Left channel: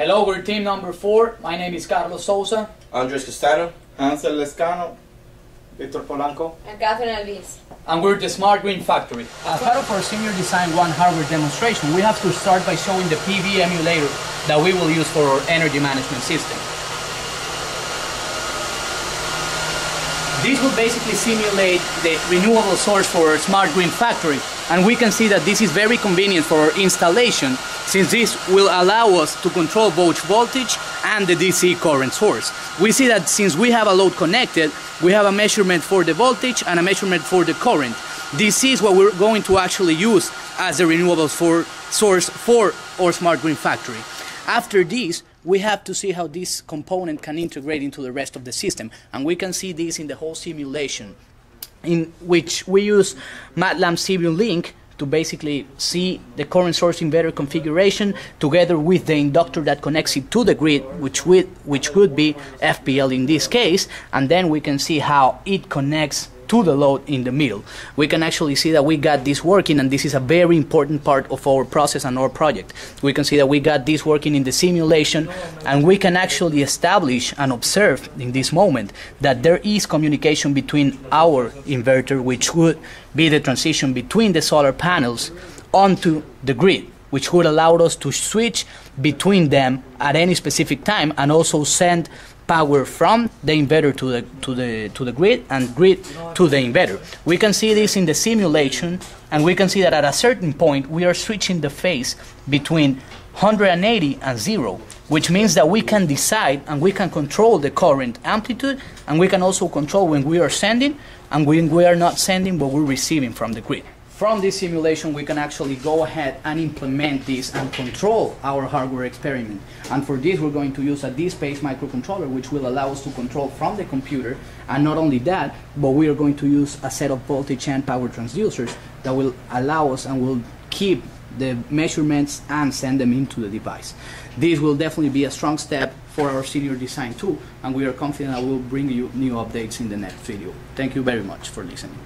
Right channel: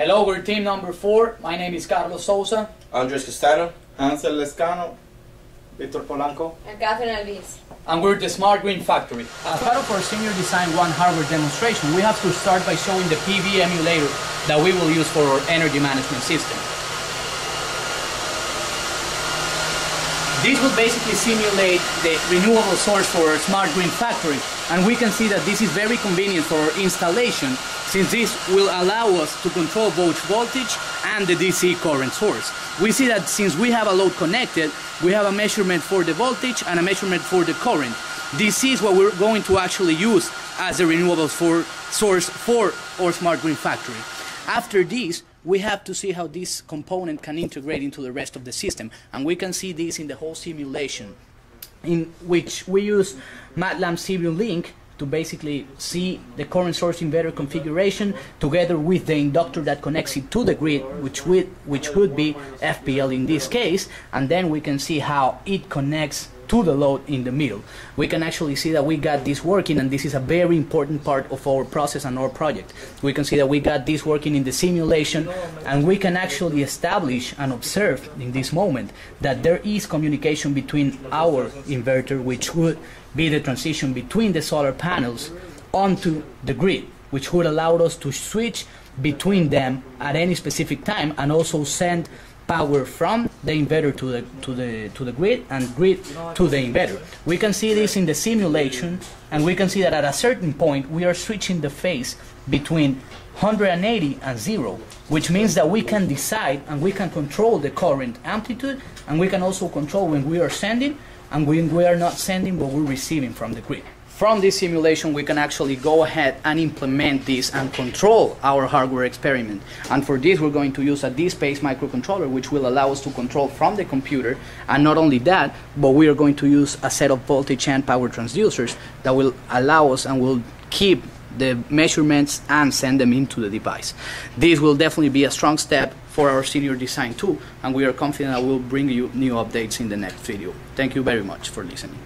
Hello, we're team number 4. My name is Carlos Souza. Andres Castano. Ansel Lescano. Victor Polanco. And Catherine Alvis. And we're the Smart Green Factory. As part of our Senior Design 1 hardware demonstration, we have to start by showing the PV emulator that we will use for our energy management system. This will basically simulate the renewable source for our Smart Green Factory, and we can see that this is very convenient for our installation, since this will allow us to control both voltage and the DC current source. We see that since we have a load connected, we have a measurement for the voltage and a measurement for the current. This is what we're going to actually use as the renewable source for our Smart Green Factory. After this, we have to see how this component can integrate into the rest of the system, and we can see this in the whole simulation, in which we use MATLAB Simulink to basically see the current source inverter configuration together with the inductor that connects it to the grid, which would be FPL in this case, and then we can see how it connects to the load in the middle. We can actually see that we got this working, and this is a very important part of our process and our project. We can see that we got this working in the simulation, and we can actually establish and observe in this moment that there is communication between our inverter, which would be the transition between the solar panels onto the grid, which would allow us to switch between them at any specific time and also send power from the inverter to the grid and grid to the inverter. We can see this in the simulation, and we can see that at a certain point we are switching the phase between 180 and 0, which means that we can decide and we can control the current amplitude, and we can also control when we are sending and when we are not sending but we're receiving from the grid. From this simulation, we can actually go ahead and implement this and control our hardware experiment. And for this, we're going to use a DSpace microcontroller, which will allow us to control from the computer. And not only that, but we are going to use a set of voltage and power transducers that will allow us and will keep the measurements and send them into the device. This will definitely be a strong step for our Senior Design 2, and we are confident that we'll bring you new updates in the next video. Thank you very much for listening.